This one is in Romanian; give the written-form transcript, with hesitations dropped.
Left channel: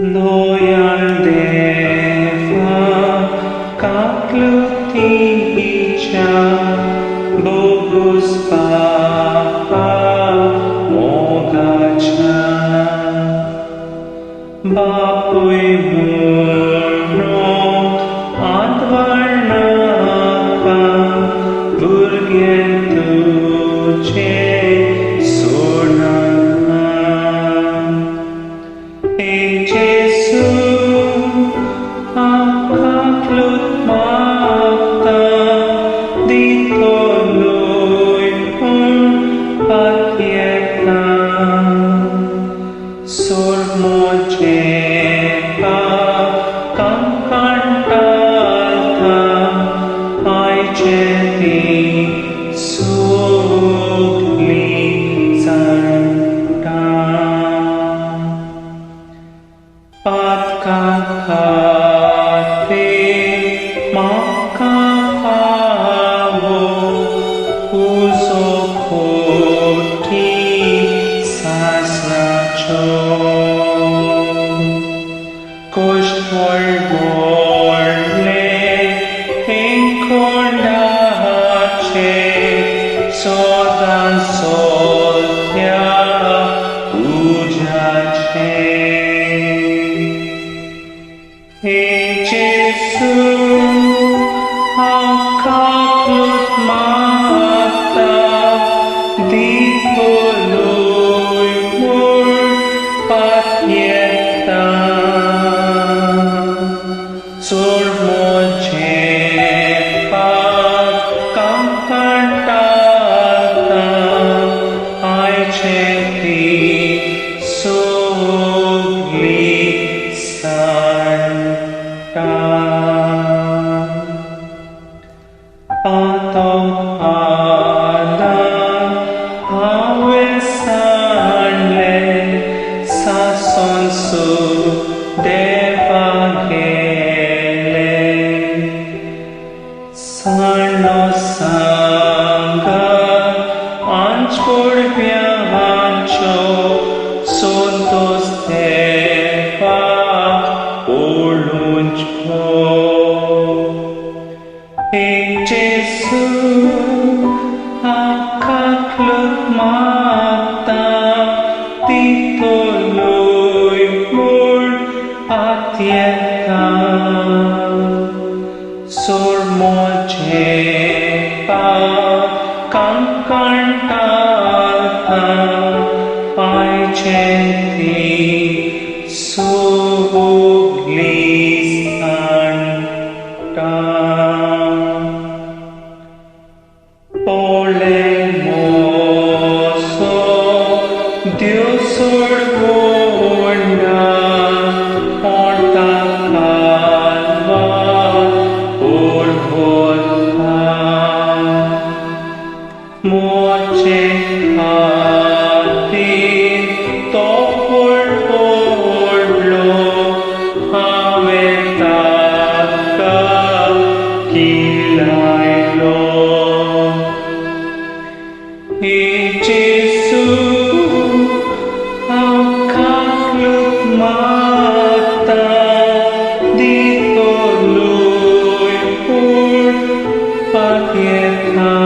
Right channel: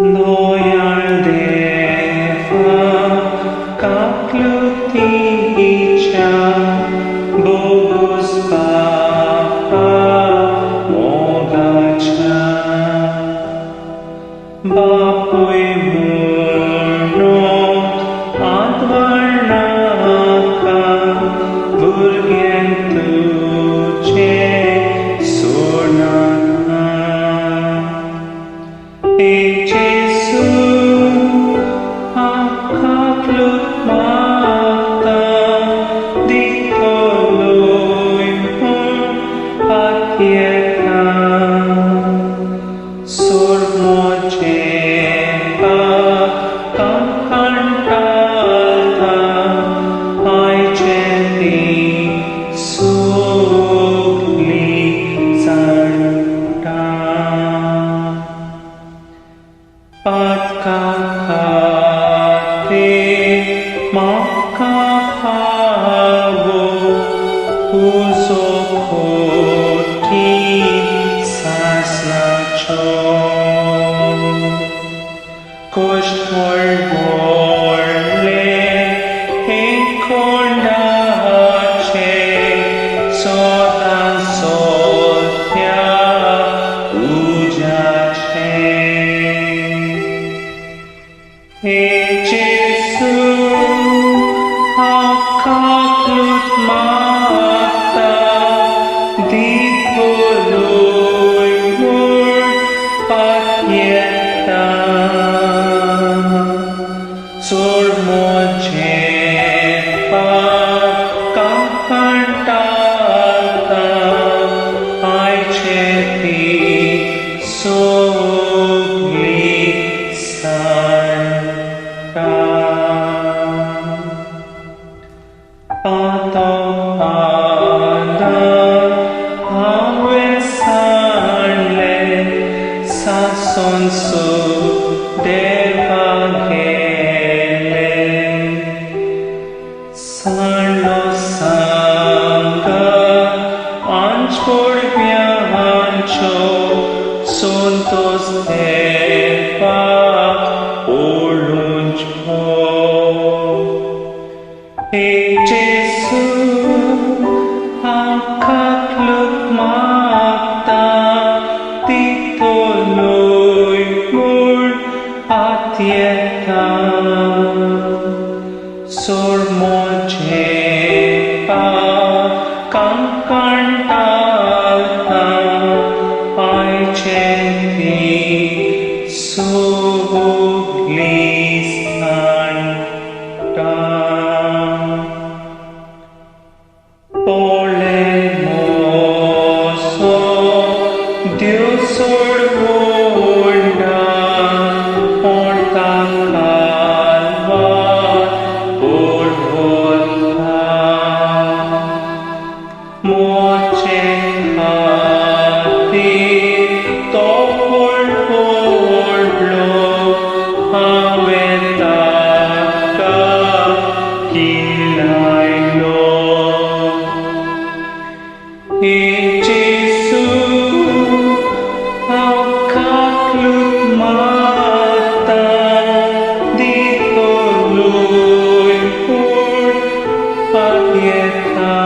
Noi al Deva kaklutica Bogus Papa Mogacha Bapui Murno Advarnaka Burgentuce Surnaka E Jesu Akaklut Mata Dito lui Patieta Surmojepa Kankantalta Aiceti Sugli Santa Patkakate Makafavo Uzokoti Sasnacho Kostholvorle Enkondace Sodan Soltya Ujace E Jesu Akaklut Mata Dito lui Patieta Surmojepa Kankantalta Aiceti Sugli Santa Pato Adam Awesanle Sasonsu Devagele Sarlo Sangha Anchpur Vyancho Suntos Deva Oluncho E Jesu Akaklut Mata Dito lui Patieta Surmojepa Kankantalta Aiceti Sugli Santa Polemoso Dios Orgunda Porta Calva Orvota Moche Khati Topol Porlo Avetaka Kilailo E Jesu Akaklut Mata Dito lui Patieta